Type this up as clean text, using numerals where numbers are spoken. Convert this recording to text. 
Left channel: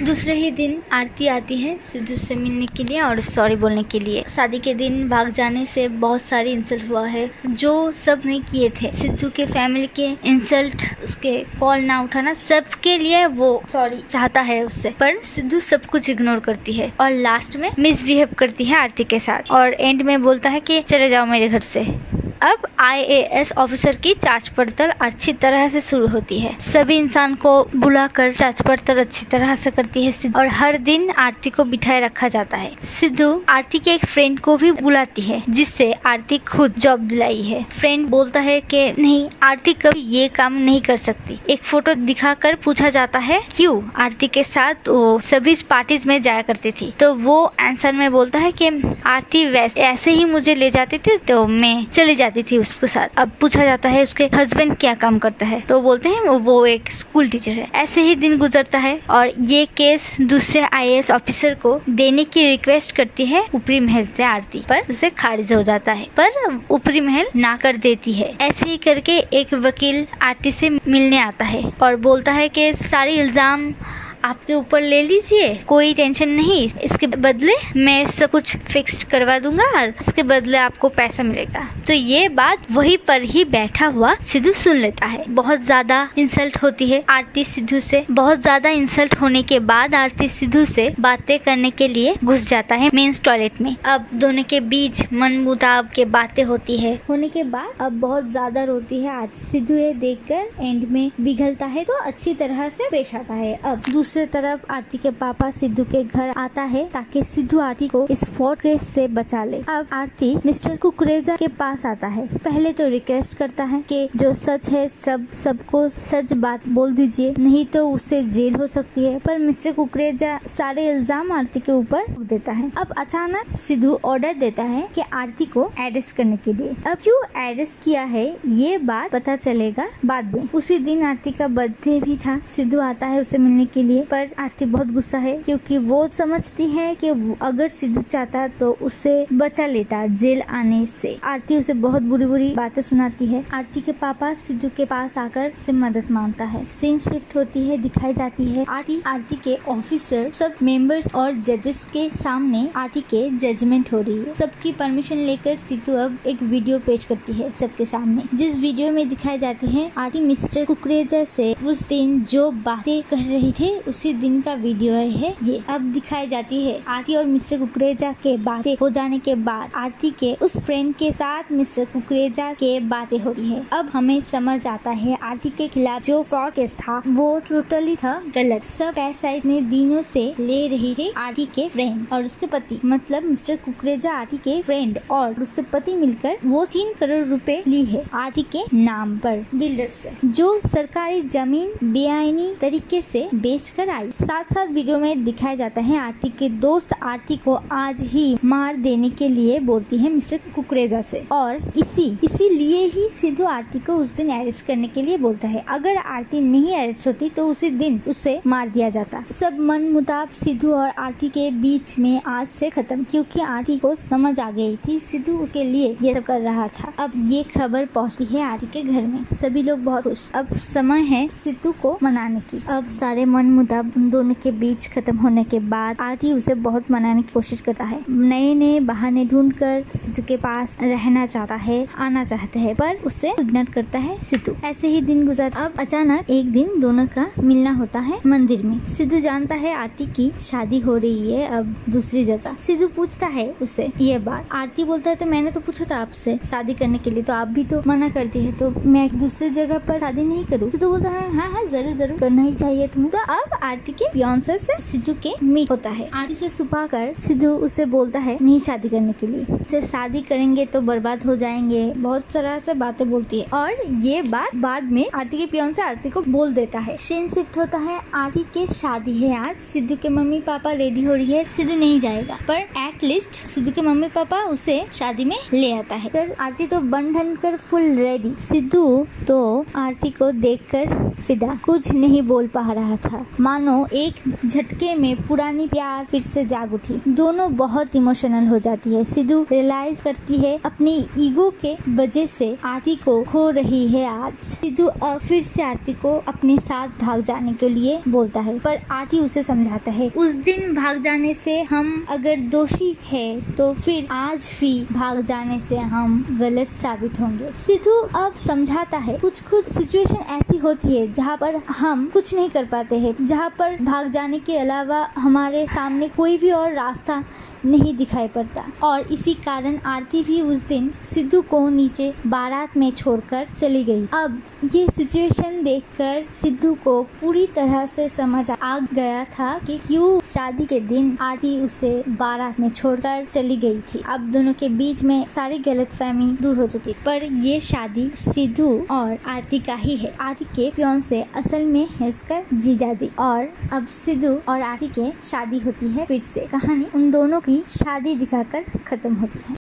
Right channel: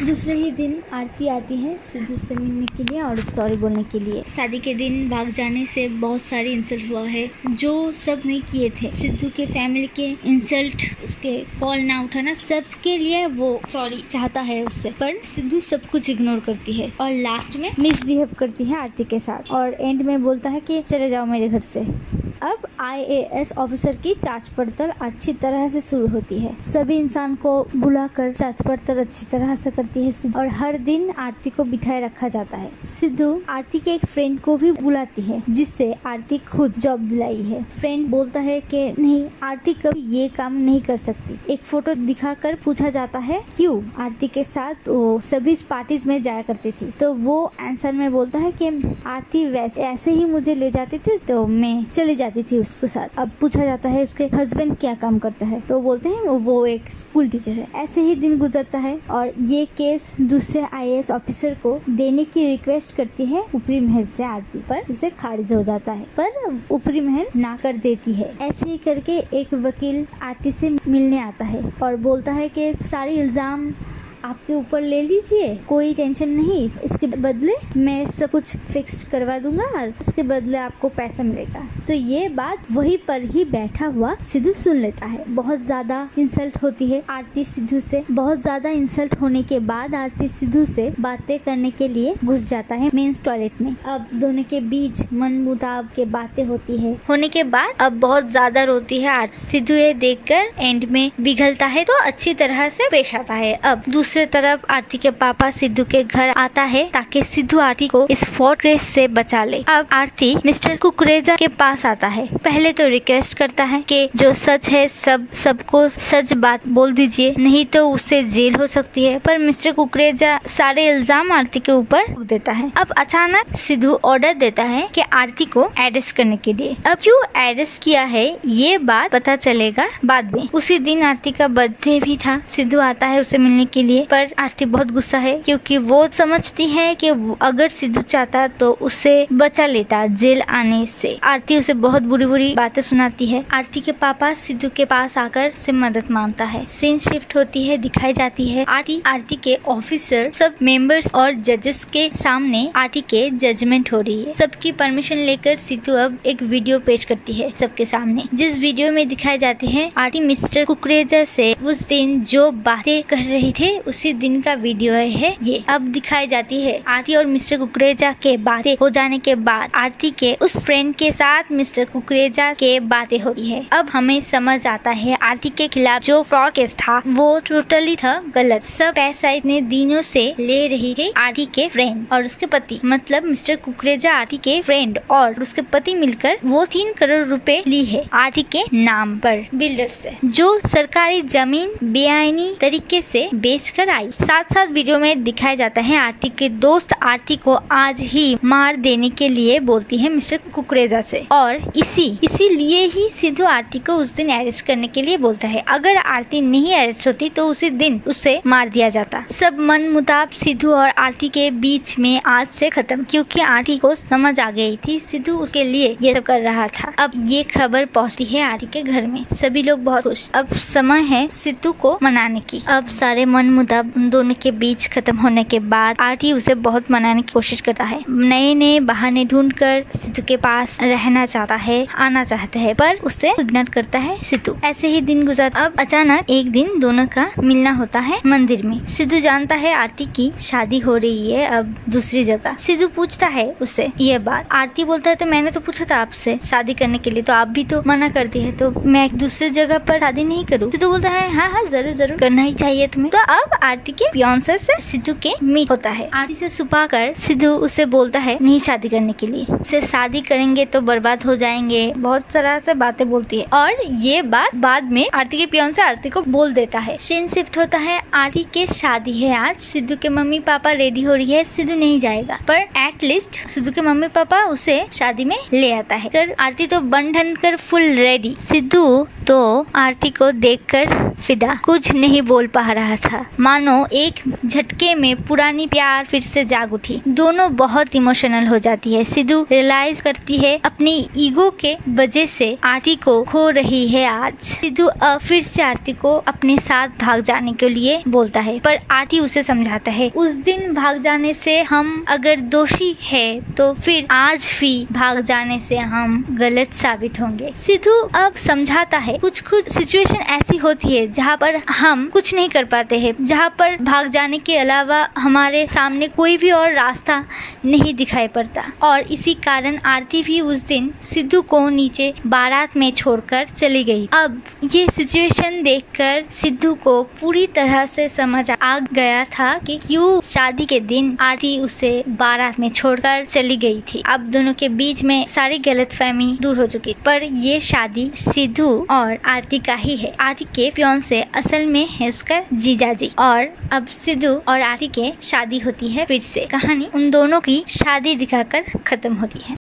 दूसरे ही दिन आरती आती है सिद्धू से मिलने के लिए और सॉरी बोलने के लिए। शादी के दिन भाग जाने से बहुत सारी इंसल्ट हुआ है जो सब ने किए थे। सिद्धू के फैमिली के इंसल्ट, उसके कॉल ना उठाना, सबके लिए वो सॉरी चाहता है उससे, पर सिद्धू सब कुछ इग्नोर करती है और लास्ट में मिसबिहेव करती है आरती के साथ और एंड में बोलता है कि चले जाओ मेरे घर से। अब IAS ऑफिसर की जांच पड़ताल अच्छी तरह से शुरू होती है। सभी इंसान को बुलाकर जांच पड़ताल अच्छी तरह से करती है और हर दिन आरती को बिठाए रखा जाता है। सिद्धू आरती के एक फ्रेंड को भी बुलाती है जिससे आरती खुद जॉब दिलाई है। फ्रेंड बोलता है कि नहीं, आरती कभी ये काम नहीं कर सकती। एक फोटो दिखाकर पूछा जाता है क्यों आरती के साथ वो सभी पार्टीज में जाया करती थी, तो वो आंसर में बोलता है कि आरती वैसे ऐसे ही मुझे ले जाती थी तो मैं चली जाती थी उसके साथ। अब पूछा जाता है उसके हस्बैंड क्या काम करता है, तो बोलते हैं वो एक स्कूल टीचर है। ऐसे ही दिन गुजरता है और ये केस दूसरे IAS ऑफिसर को देने की रिक्वेस्ट करती है ऊपरी महल से आरती, पर उसे खारिज हो जाता है, पर ऊपरी महल ना कर देती है। ऐसे ही करके एक वकील आरती से मिलने आता है और बोलता है कि सारे इल्जाम आपके ऊपर ले लीजिए, कोई टेंशन नहीं, इसके बदले मैं सब कुछ फिक्स करवा दूंगा और इसके बदले आपको पैसा मिलेगा। तो ये बात वहीं पर ही बैठा हुआ सिद्धू सुन लेता है। बहुत ज्यादा इंसल्ट होती है आरती सिद्धू से। बहुत ज्यादा इंसल्ट होने के बाद आरती सिद्धू से बातें करने के लिए घुस जाता है मेंस टॉयलेट में। अब दोनों के बीच मन मुताब के बातें होती है। होने के बाद अब बहुत ज्यादा रोती है आरती। सिद्धू ये देखकर एंड में पिघलता है तो अच्छी तरह से पेश आता है। अब दूसरी तरफ आरती के पापा सिद्धू के घर आता है ताकि सिद्धू आरती को इस फोर्ट केस से बचा ले। अब आरती मिस्टर कुकरेजा के पास आता है। पहले तो रिक्वेस्ट करता है कि जो सच है सबको सच बात बोल दीजिए, नहीं तो उससे जेल हो सकती है, पर मिस्टर कुकरेजा सारे इल्जाम आरती के ऊपर रख देता है। अब अचानक सिद्धू ऑर्डर देता है कि आरती को अरेस्ट करने के लिए। अब क्यों अरेस्ट किया है ये बात पता चलेगा बाद में। उसी दिन आरती का बर्थडे भी था। सिद्धू आता है उसे मिलने के लिए, पर आरती बहुत गुस्सा है क्योंकि वो समझती है कि अगर सिद्धू चाहता तो उसे बचा लेता जेल आने से। आरती उसे बहुत बुरी बुरी बातें सुनाती है। आरती के पापा सिद्धू के पास आकर से मदद मांगता है। सीन शिफ्ट होती है, दिखाई जाती है आरती के ऑफिसर सब मेंबर्स और जजेस के सामने आरती के जजमेंट हो रही है। सबकी परमिशन लेकर सिद्धू अब एक वीडियो पेश करती है सबके सामने, जिस वीडियो में दिखाई जाती है आरती मिस्टर कुकरेजा से उस दिन जो बातें कर रही थे उसी दिन का वीडियो है ये। अब दिखाई जाती है आरती और मिस्टर कुकरेजा के बातें हो जाने के बाद आरती के उस फ्रेंड के साथ मिस्टर कुकरेजा के बातें होती है। अब हमें समझ आता है आरती के खिलाफ जो फ्रॉड केस था वो टोटली था गलत। सब पैसा इतने दिनों से ले रही थी आरती के फ्रेंड और उसके पति, मतलब मिस्टर कुकरेजा आरती के फ्रेंड और उसके पति मिलकर वो 3 करोड़ रुपए ली है आरती के नाम पर बिल्डर से, जो सरकारी जमीन बेआईनी तरीके से बेच कर आई। साथ साथ वीडियो में दिखाया जाता है आरती के दोस्त आरती को आज ही मार देने के लिए बोलती है मिस्टर कुकरेजा से और इसीलिए ही सिद्धू आरती को उस दिन अरेस्ट करने के लिए बोलता है। अगर आरती नहीं अरेस्ट होती तो उसी दिन उसे मार दिया जाता। सब मन मुताब सिद्धू और आरती के बीच में आज से खत्म, क्योंकि आरती को समझ आ गई थी सिद्धू उसके लिए ये सब कर रहा था। अब ये खबर पहुंचती है आरती के घर में। सभी लोग बहुत खुश। अब समय है सिद्धू को मनाने की। अब सारे मन मुताब दोनों के बीच खत्म होने के बाद आरती उसे बहुत मनाने की कोशिश करता है। नए नए बहाने ढूंढकर सिद्धू के पास रहना चाहता है, आना चाहता है, पर उसे इग्नोर करता है सिद्धू। ऐसे ही दिन गुजर। अब अचानक एक दिन दोनों का मिलना होता है मंदिर में। सिद्धू जानता है आरती की शादी हो रही है अब दूसरी जगह। सिद्धू पूछता है उससे ये बात। आरती बोलता है तो मैंने तो पूछा था आपसे शादी करने के लिए, तो आप भी तो मना करती है, तो मैं दूसरी जगह पर शादी नहीं करूँ। सिद्धू बोलता है हाँ जरूर करना ही चाहिए तुम्हें। तो अब आरती के फियांसे से सिद्धू के मीट होता है। आरती से छुपा कर सिद्धू उसे बोलता है नहीं शादी करने के लिए, से शादी करेंगे तो बर्बाद हो जाएंगे, बहुत तरह से बातें बोलती है और ये बात बाद में आरती के फियांसे आरती को बोल देता है। सीन शिफ्ट होता है आरती के शादी है आज। सिद्धू के मम्मी पापा रेडी हो रही है। सिद्धू नहीं जाएगा, पर एटलीस्ट सिद्धू के मम्मी पापा उसे शादी में ले आता है। कर आरती तो बन ठन कर फुल रेडी। सिद्धू तो आरती को देखकर फिदा, कुछ नहीं बोल पा रहा था। मानो एक झटके में पुरानी प्यार फिर से जाग उठी। दोनों बहुत इमोशनल हो जाती है। सिद्धू रियलाइज करती है अपनी ईगो के वजह से आरती को खो रही है आज। सिद्धू फिर से आरती को अपने साथ भाग जाने के लिए बोलता है, पर आरती उसे समझाता है उस दिन भाग जाने से हम अगर दोषी है तो फिर आज भी भाग जाने से हम गलत साबित होंगे। सिद्धू अब समझाता है कुछ सिचुएशन ऐसी होती है जहाँ पर हम कुछ नहीं कर पाते हैं, जहाँ पर भाग जाने के अलावा हमारे सामने कोई भी और रास्ता नहीं दिखाई पड़ता। और इसी कारण आरती भी उस दिन सिद्धू को नीचे बारात में छोड़कर चली गई। अब ये सिचुएशन देखकर सिद्धू को पूरी तरह से समझ आ गया था कि क्यों शादी के दिन आरती उसे बारात में छोड़कर चली गई थी। अब दोनों के बीच में सारी गलतफहमी दूर हो चुकी, पर ये शादी सिद्धू और आरती का ही है। आरती के फियांसे असल में है उसका जीजाजी, और अब सिद्धू और आरती के शादी होती है। फिर से कहानी उन दोनों की शादी दिखाकर खत्म होती है।